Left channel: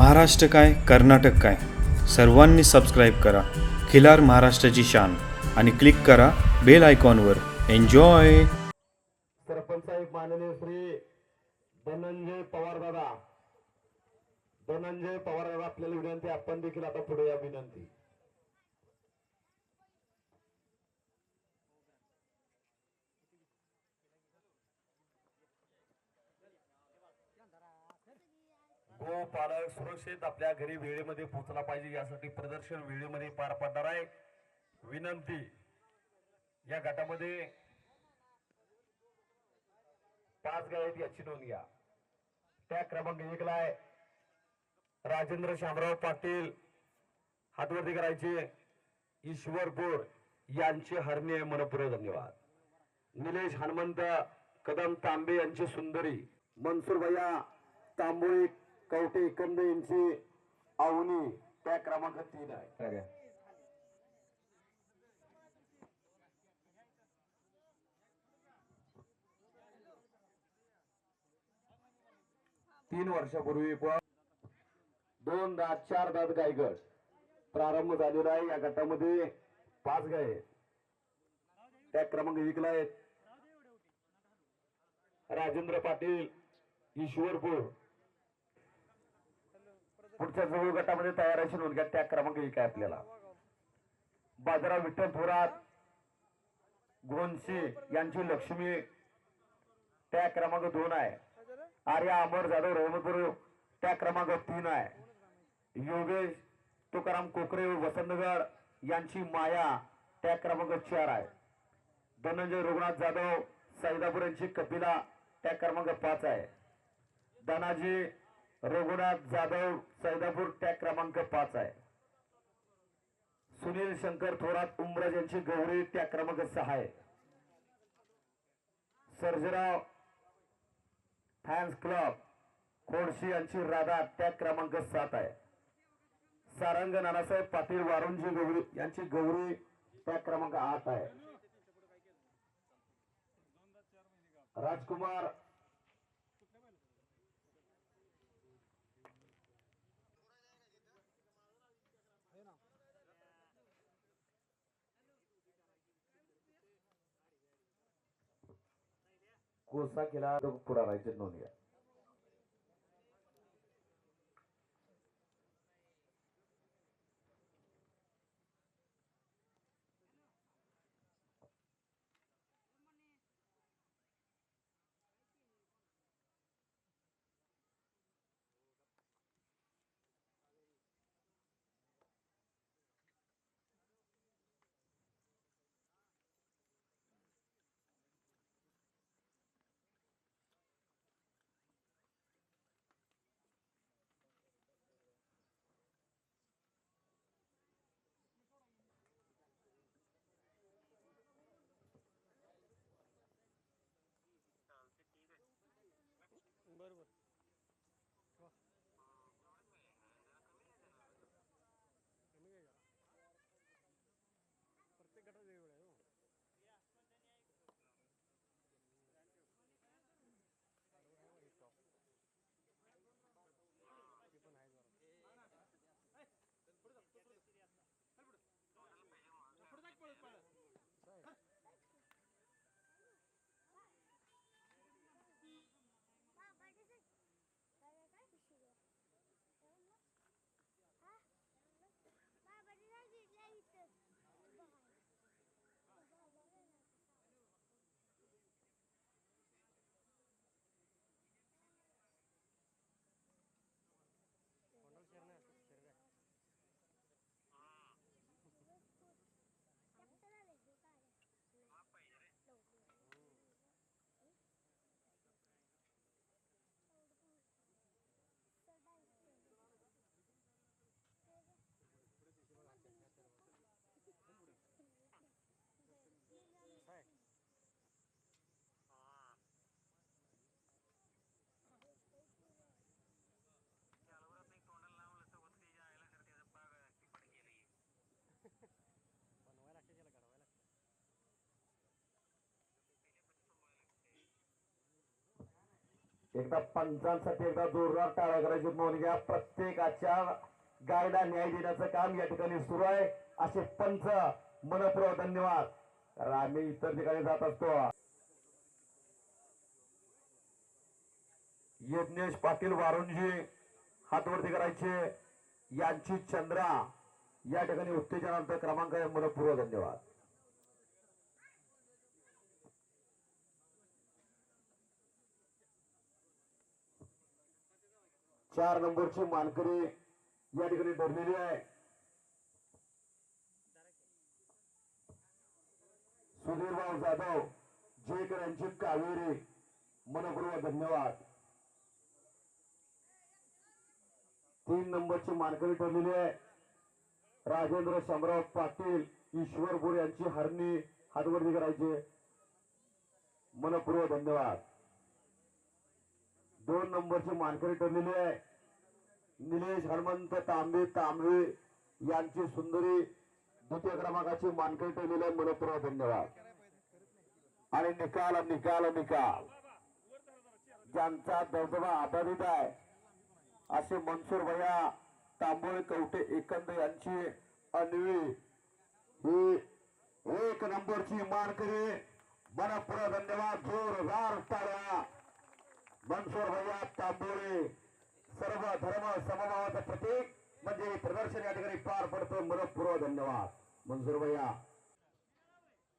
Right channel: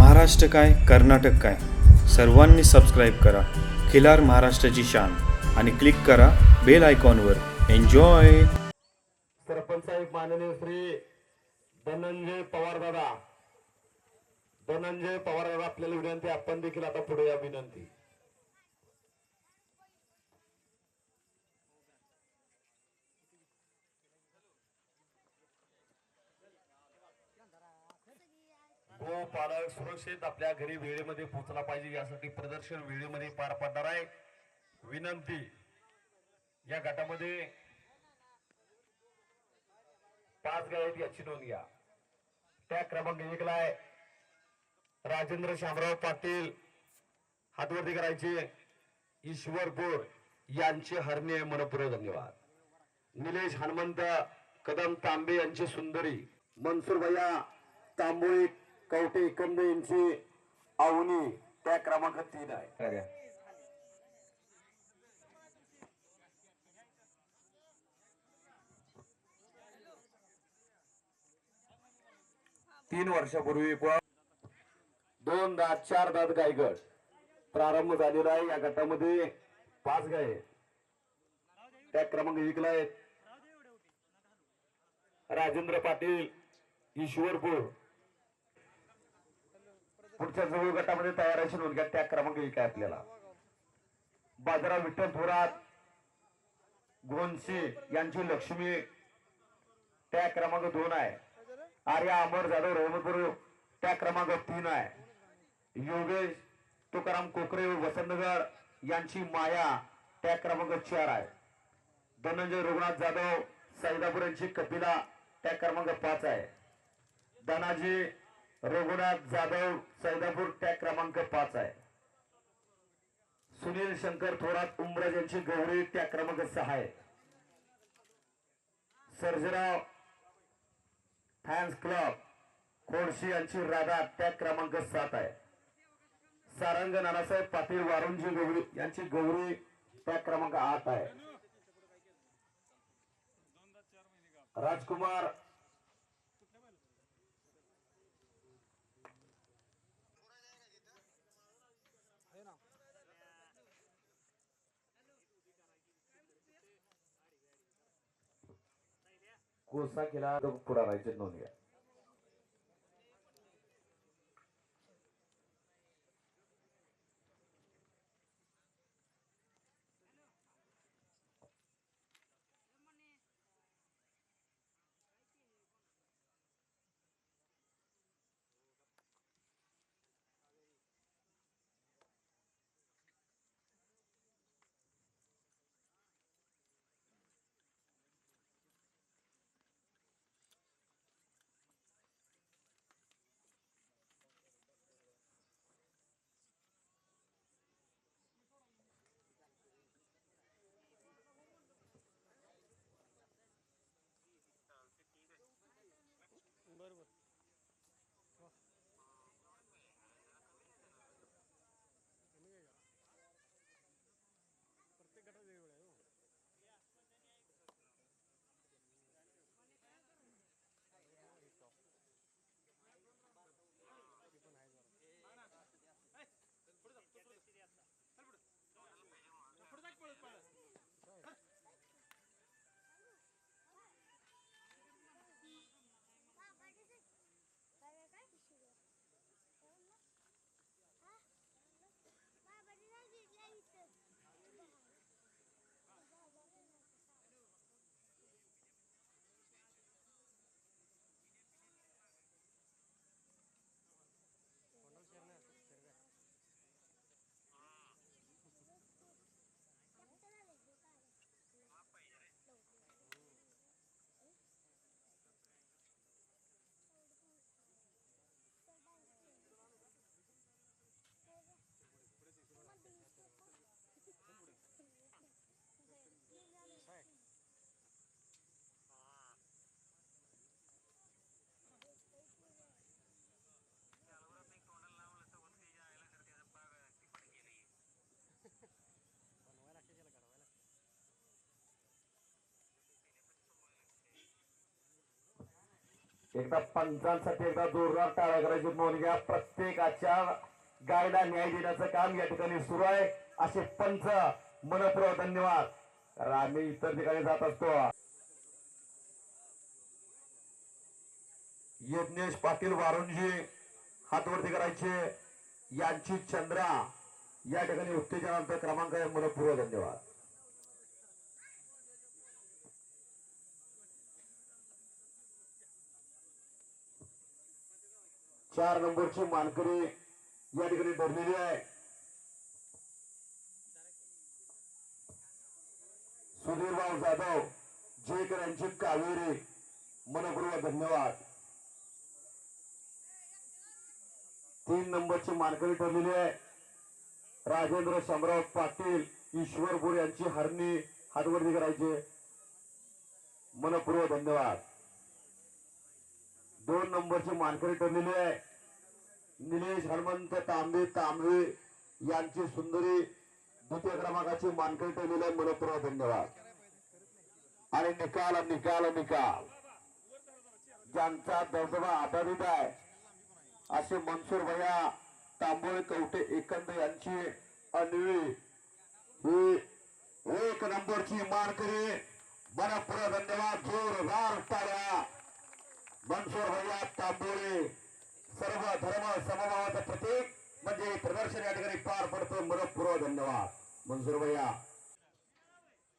महाराष्ट्र काय कर्नाटक काय सर्वांनी सबस्क्राईब करा खिलार महाराष्ट्राची शान आणि क्लिक करा बेल आयकॉनवर. एन्जॉय. सरपंच साहेब माननीय श्री धनंजय पवार दादा आपल्याला विनंती, आपण देखील आता पुढे या विनंती. गोपालक सुरक्षित आपल्या घरी वेळेमध्ये पोहोचला पाहिजे यासाठी प्रदर्शन वेळेमध्ये पार पडणार आहे. विनंती, या गटामध्ये 5 गाय आहेत याची नोंद घ्या. त्या क्रमांक 1 ला आहे राजेंद्र शामराव पाटील, हातवरती करायचे, ईश्वरपूर यांचे हरणे मनपूर्वक धन्यवाद. निलेश हनुमंत कदम तांबे यांची सुंदरी, मनसूर भैया तांबोळी कवटे कंद यांची आवनी, त्या क्रमांक 3 आहे. 3 वर्षापूर्वी 2 दात 4 दात गायगड प्रारंभ झालेला आहे. या गटामध्ये 5 गाय, त्या क्रमांक 1 ला आहेत राजेंद्र पाटील, ईश्वरपूर. पुढच्या जवळ गटामध्ये तयारीची नोंद घ्या. त्या क्रमांक 1 आहे आपल्याला बाजाराव विठ्ठल थोरात गोंशी यांची लक्ष्मी, त्या क्रमांक 2 आहे. आर्या अमर जाधव रहमतपूर, त्या क्रमांक 3 आहे. योगेश तुकाराम कोकरे वसंतगड यांची माया, त्या क्रमांक 4 आहे. धनंजय रघुनाथ जाधव सैदापूर यांची कपिला, त्या क्रमांक 5 आहे. धनाजी रघुनाथ जाधव सैदापूर, त्या क्रमांक 5 आहे. सुनील शंकर थोरात उमरज यांची गौरी, त्या क्रमांक 6 आहे. सर्जेराव फॅन्स क्लब खोडशी यांची राधा, त्या क्रमांक 7 आहे. सारंग नानासाहेब पाटील वारुंजी गौरी यांची गौरी, त्या क्रमांक 8 आहे. राजकुमार कोसा केला पुढारायचे नोंद घ्या. एकदा पंचांसाठी एकदा जोरदार टाळ्या करायची नोंद घ्या. प्रत्येकाच्या गायला न्याय देण्याचं काम या ठिकाणी सुरू आहे. असे पंच मनपूर्वक धन्यवाद. कारण आम्ही इतर ठिकाणी जात असतो. यज्ञेश पाटील वारुंजी हात वरती करायचे. यांची चंद्रा या ठिकाणी उत्तेजनांतर क्रमांक आहे. मनपूर्वक धन्यवाद. चार नंबरची मानकरी या ठिकाणी ठरलेली आहे. सुधीरभाऊ जाधव जेकर यांची कावेरी. मनपूर्वक धन्यवाद. 3 नंबरची मानकरी ठरलेली आहे. राजेंद्र शामराव पाटील ईश्वरपूर यांची हरणी हातवरती करायचे. मनपूर्वक धन्यवाद. 2 नंबरची मानकरी ठरलेली आहे. निलेश हनुमंत तांबे तांबवे यांची सुंदरी द्वितीय क्रमांकाची मानकरी ठरलेली आहे. मनपूर्वक धन्यवाद. आणि निकाल निकाल निकाल ज्यांचा दबदबा आधारित आहे असे मनसूर भैया तांबोळे कवठे एकंद यांची अन्वी ही 1 नंबरची मानकरी. मनपूर्वक धन्यवाद. जोरदार टाळ्या. मनसूर भैया तांबोळे सर्व धर्म समभावाचं प्रतीक म्हणजे प्रदर्शन या ठिकाणी पार पडतं. मनपूर्वक धन्यवाद मनसूर भैया.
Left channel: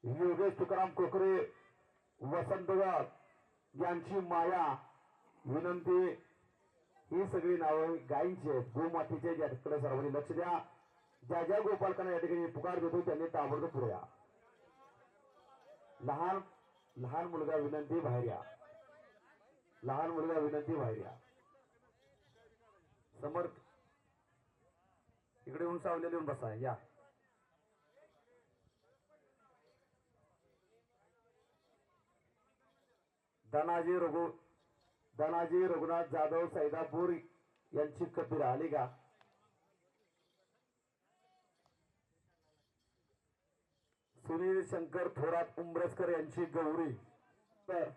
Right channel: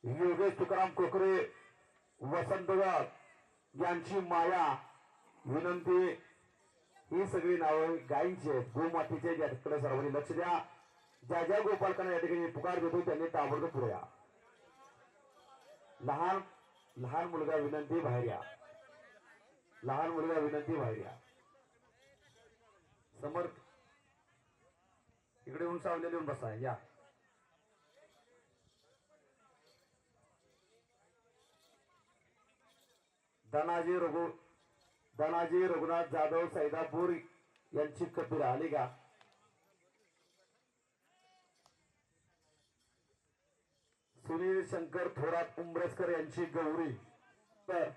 योगेश तुकाराम कोकरे वसंतगड यांची माया. विनंती ही सगळी नावं गायींची आहेत, गोमातीचे आहेत. याकडे सर्वांनी लक्ष द्या. ज्या ज्या गोपालकांना या ठिकाणी पुकार देतो त्यांनी ताबडतोब पुढे या. लहान लहान मुलगा विनंती बाहेर या. लहान मुलगा विनंती बाहेर या. समर्थ इकडे येऊन सावलेले येऊन बसा या. धनाजी रघुनाथ जाधव सैदापूर यांची कपिला आली का? सुनील शंकर थोरात उंबरसकर यांची गौरी. तर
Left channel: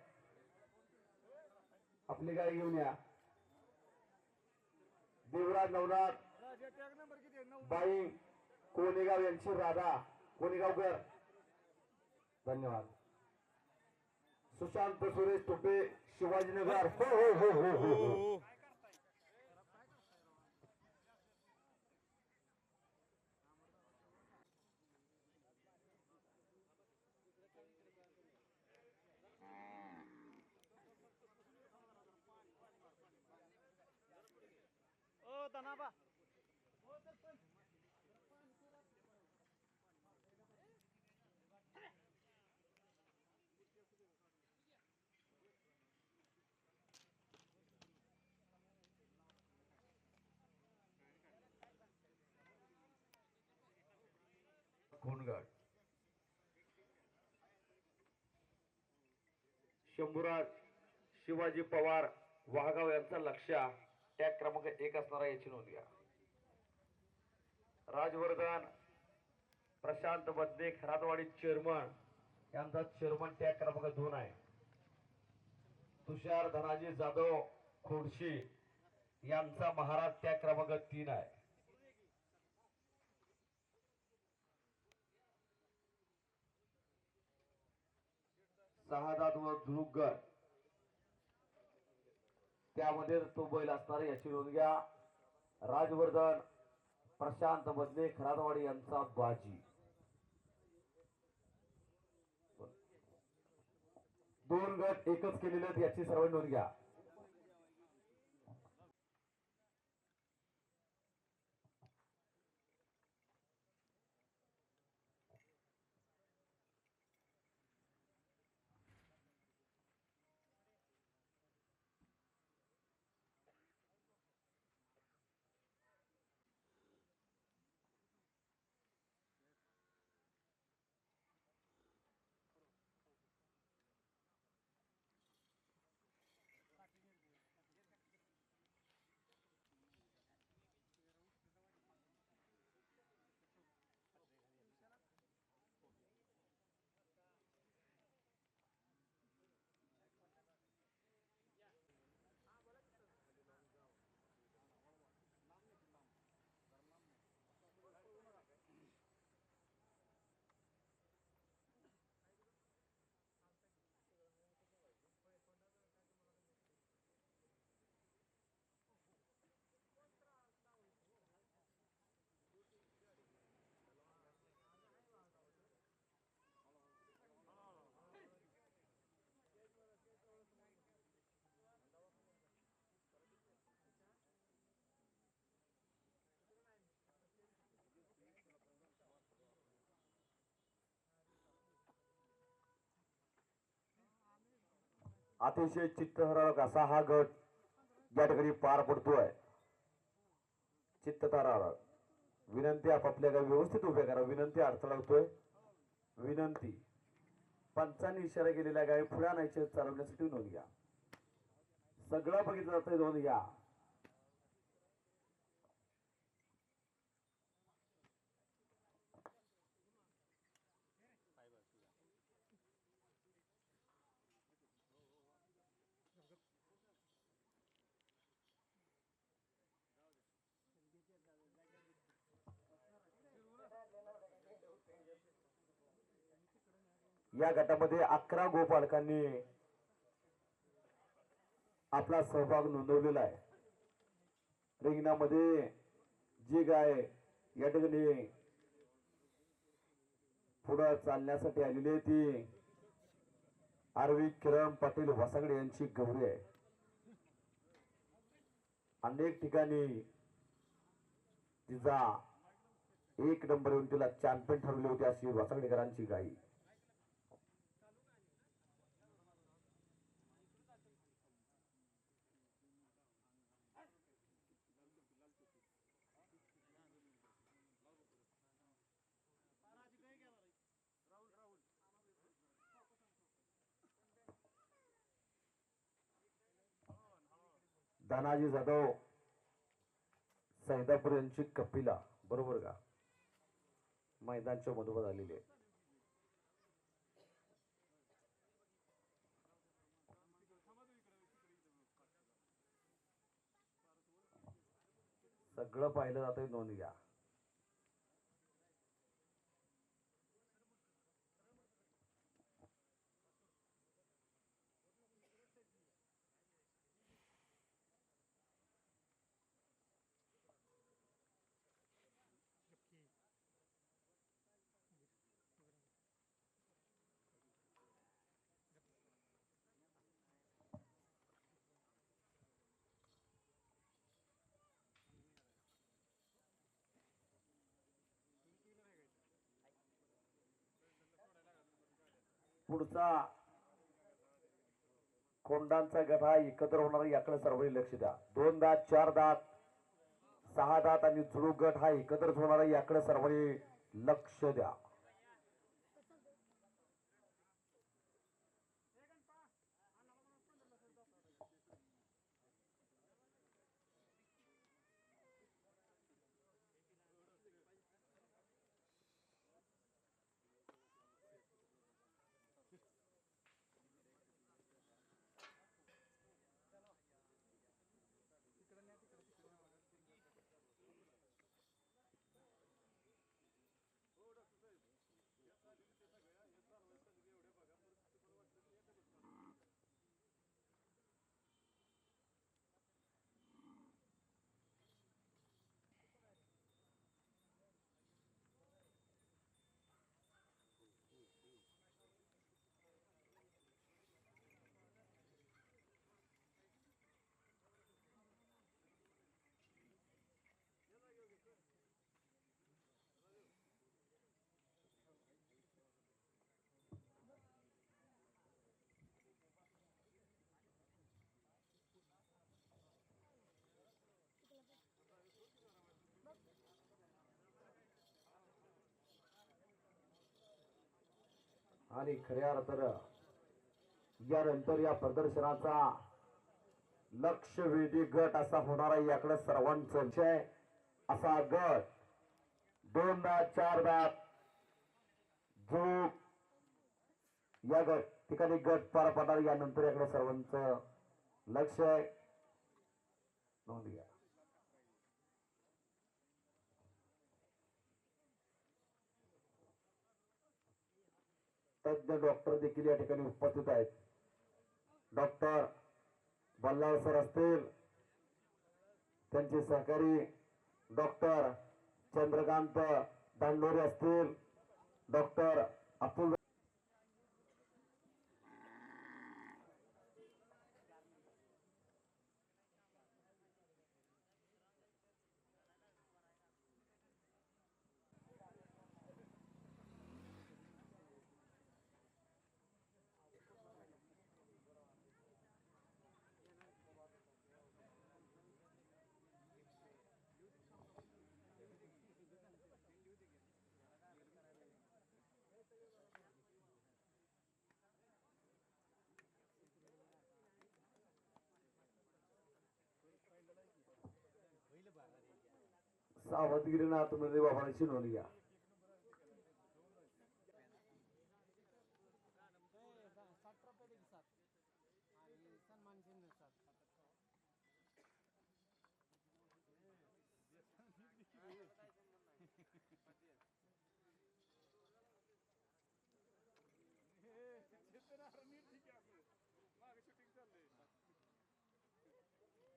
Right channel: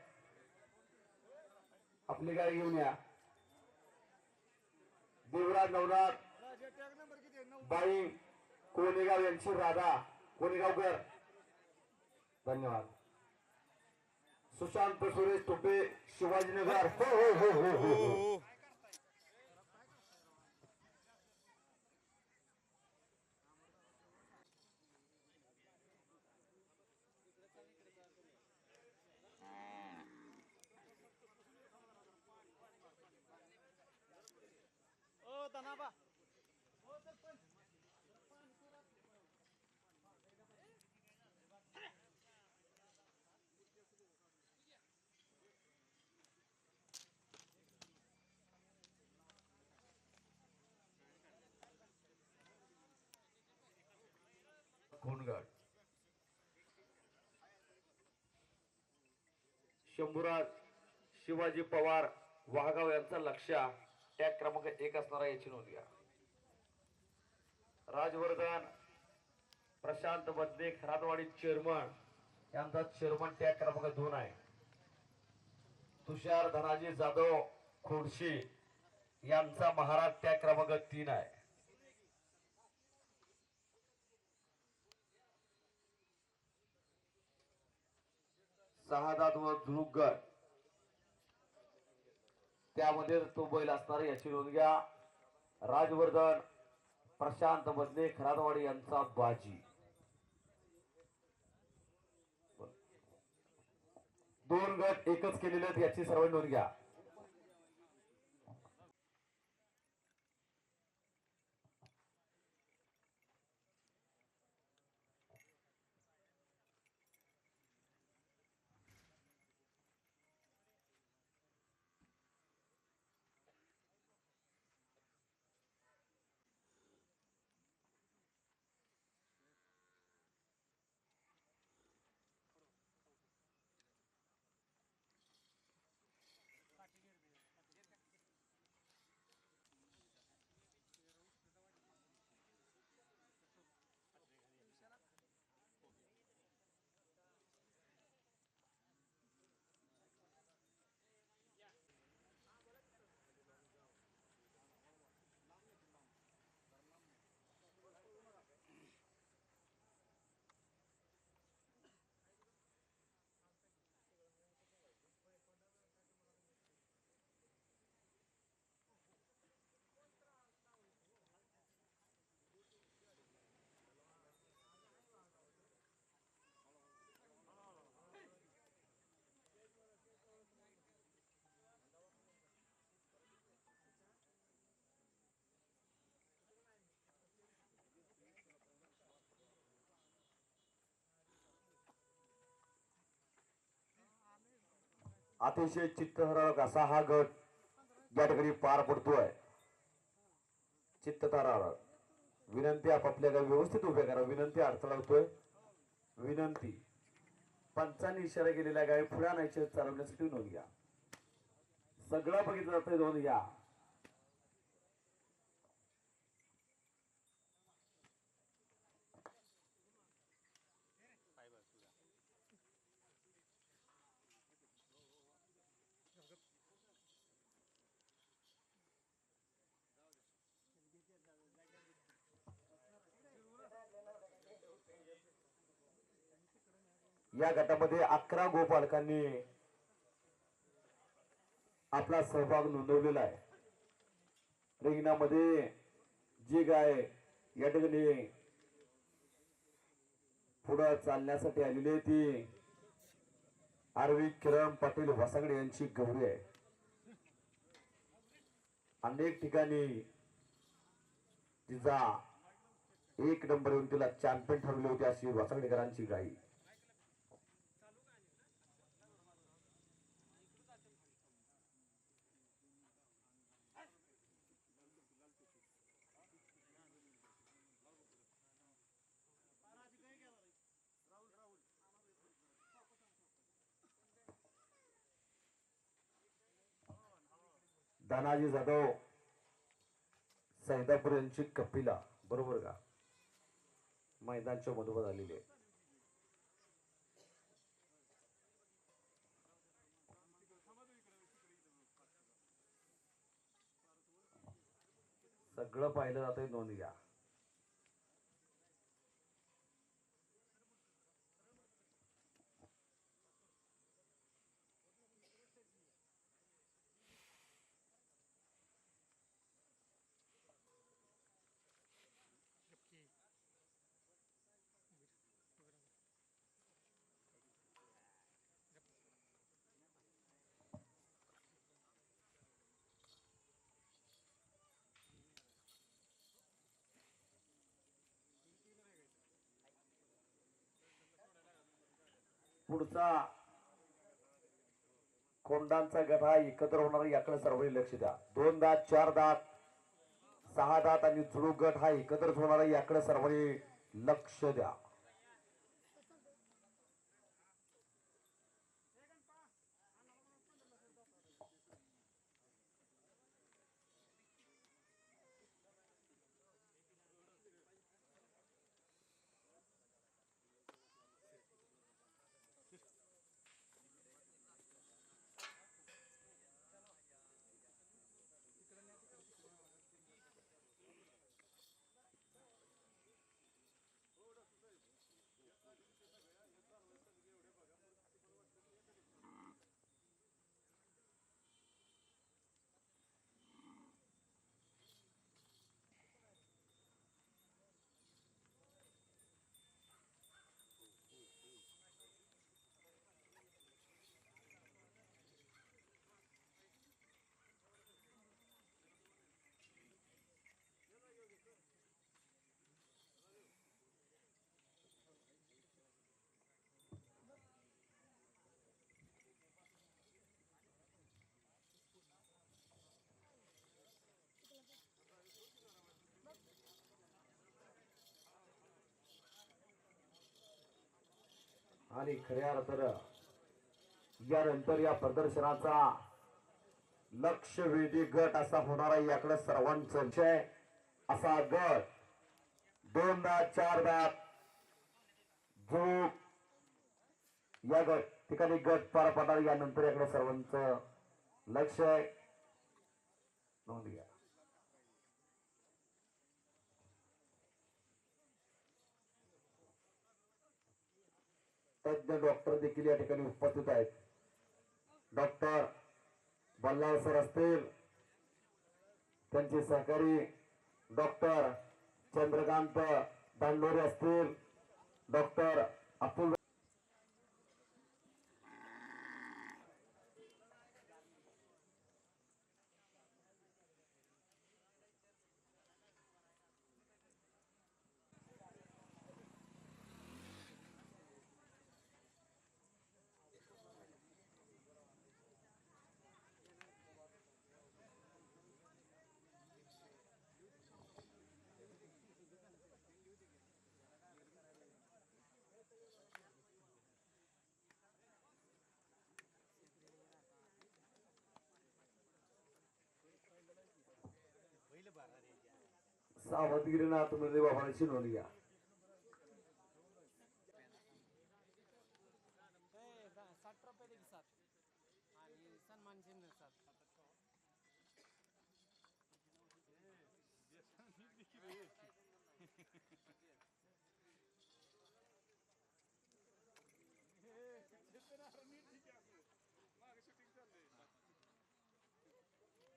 आपली गाडी घेऊन या. देवराज नवनाथ बाई कोणेगाव यांची राधा. कोणेगावकर धन्यवाद. सुशांत सुरेश तुपे शिवाजीनगर. हो हो हो हो हो हो. कोणगड शंभूराज शिवाजी पवार वाघाव यांचा लक्ष टॅग क्रमांक 1 असणारा याची नोंद घ्या. राजवर्धन प्रशांत बदले खरातवाडी चेअरमन यांचा चेअरमन टॅग क्रमांक 2 आहे. तुषार धनाजी जाधव खोडशी यांचा महाराज टॅग क्रमांक 3 आहे. सहादात व जुगगड त्यामध्ये तो बैल असणार याची नोंद घ्या. राजवर्धन प्रशांत बदले खरातवाडी यांचा बाजी. 2 गट एकच केलेले आहेत याची सर्व नोंद घ्या. अतिशय चित्तथरारक असा हा गट या ठिकाणी पार पडतोय. चित्तथरारक विनंती, आपापल्या गावी व्यवस्थित उभे करा. विनंती, अडथळा होतोय. विनंती, पंचांनी इशारा केलेल्या गावी पुढे आणायचे चालवण्यासाठी नोंद घ्या. सगळं बघितलं जातंय, नोंद घ्या. या गटामध्ये 11 गोपालकांनी आपला सहभाग नोंदवलेला आहे. रिंगणामध्ये जी गाय या ठिकाणी पुढे चालण्यासाठी आलेली आहे ती आरवी किरण पाटील वसागडे यांची गौरी आहे. अनेक ठिकाणी तिचा 1 नंबर येऊन तिला चॅम्पियन ठरवले होते अशी वसागडेकरांची गाई. धनाजी जाधव सैदापूर यांची कपिला, बरोबर का, मैदानच्या मधोमध आलेली आहे. सगळं पाहिलं जातंय, नोंद घ्या. पुढचा कोंडांचा गट हा एकत्र होणार, याकडे सर्वांनी लक्ष द्या. 2 दात, 4 दात, 6 दात आणि जुळूक गट हा एकत्रच होणार, याकडे सर्वांनी लक्ष द्या. आणि खऱ्या अर्थानं यानंतर या प्रदर्शनाचा लक्षवेधी गट असा होणारा, याकडे सर्वांचा विषय असा गट 2 दात, 4 दात, जो या गट ठिकाणी गट पार पडणार, यानंतर याकडे सर्वांचं लक्ष आहे, नोंद घ्या. तज्ञ डॉक्टर देखील या ठिकाणी उपस्थित आहेत. डॉक्टर बल्लाळ सर असतील, त्यांचे सहकारी डॉक्टर चंद्रकांत दांडोरे असतील, डॉक्टर अतुल सावधगिरीनं तुम्ही बाबांची नोंद घ्या.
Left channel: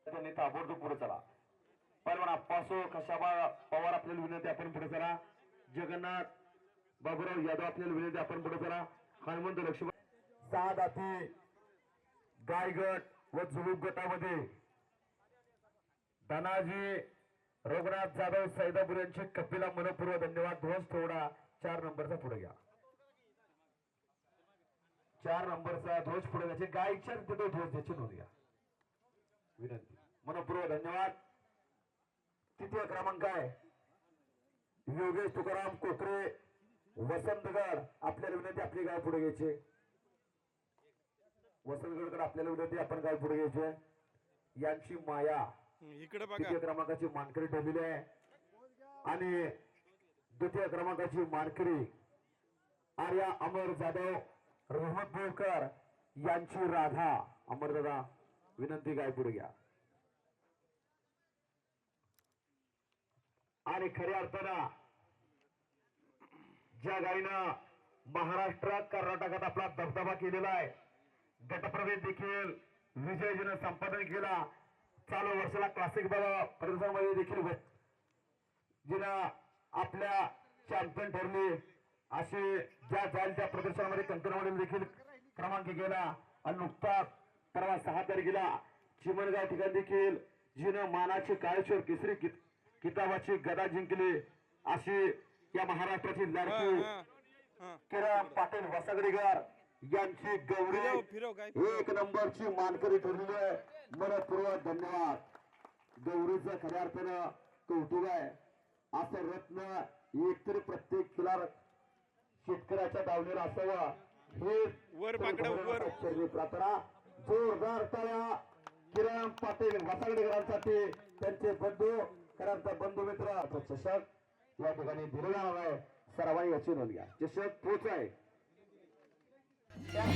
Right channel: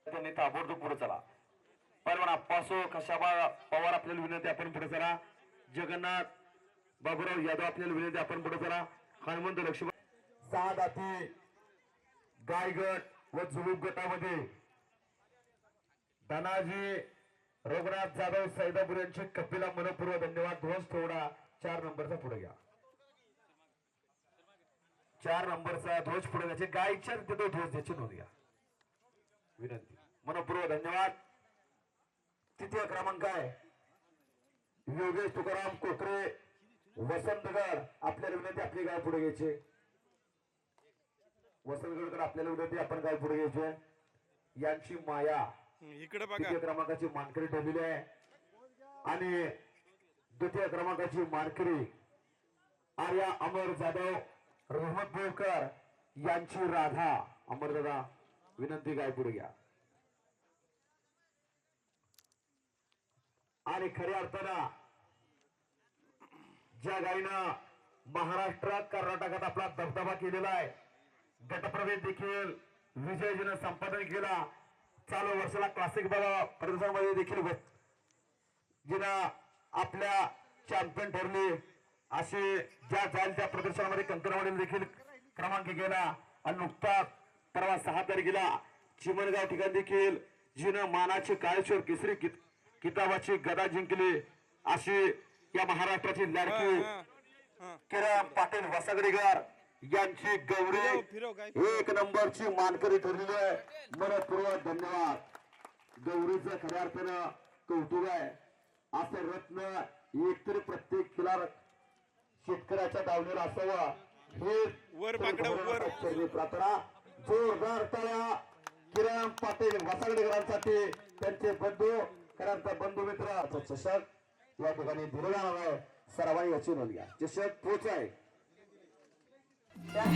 त्यांनी ताबडतोब पुढे चला. परवाना पासो खशाबा पवार आपल्याला विनंती आपण पुढे चला. जगन्नाथ बाबूराव यादव आपल्याला विनंती आपण पुढे चला. हनुमंत लक्ष्मण सात हाती गायगट व जुलूक गटामध्ये धनाजी रघुनाथ जाधव सैदापूर यांचे कपिला मनपूर्व धन्यवाद. ध्वज थोडा 4 नंबरचा पुढे घ्या. 4 नंबरचा ध्वज पुढे घ्यायचे. गायच्या तिथे ध्वज द्यायची नोंद घ्या विनंती. मनपूर्व धन्यवाद. तृतीय क्रमांक आहे योगेश तुकाराम कोकरे वसंतगड आपल्याला विनंती आपली गाव पुढे घ्यायचे. वसंतगडकडे आपल्याला विनंती आपण गाव पुढे घ्यायचे. यांची माया इकडे तृतीय क्रमांकाची मानकरी ठरलेली आहे आणि द्वितीय क्रमांकाची मानकरी आर्या अमर जाधव रहमत बोरकर यांची राधा. अमरदादा विनंती गाय पुढे घ्या. आणि खऱ्या अर्थानं ज्या गायीनं महाराष्ट्रात कर्नाटकात आपला दबदबा केलेला आहे, गटप्रवेश देखील विजयजीनं संपादन केला. चालू वर्षाला क्लासिक प्रदर्शनामध्ये देखील जिनं आपल्या चॅम्पियन ठरली असे ज्या जाईल त्या प्रदर्शनामध्ये कंकणवाडीने देखील क्रमांक गेला. आणि नुकताच परवा 6 तारखेला चिमणगाव ठिकाणी देखील जिनं मानाची काळेश्वर केसरी किताबाची गदा जिंकली अशी या महाराष्ट्राची लाडकी किरण पाटील वसगडीकर यांची गौरी 1 नंबरची मानकरी ठरलेली आहे. मनपूर्वक धन्यवाद. गौरीचं खऱ्या अर्थानं कौतुक आहे. असं रत्न एकतरी प्रत्येक खिलार शेतकऱ्याच्या दावणीला असावं हे प्रार्थना. जोरदार टाळ्या किरण पाटील वसगडीकरांसाठी. त्यांचे बंधू खऱ्या बंधू मित्र चषक या ठिकाणी दिलेला आहे. सर्वांनी याची नोंद घ्या. चषक पोच आहे.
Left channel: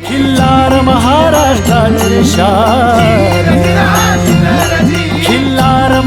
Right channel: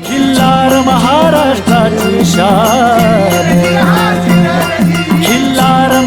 खिल्लार महाराष्ट्राची शान, खिल्लार